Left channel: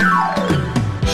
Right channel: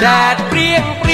that bring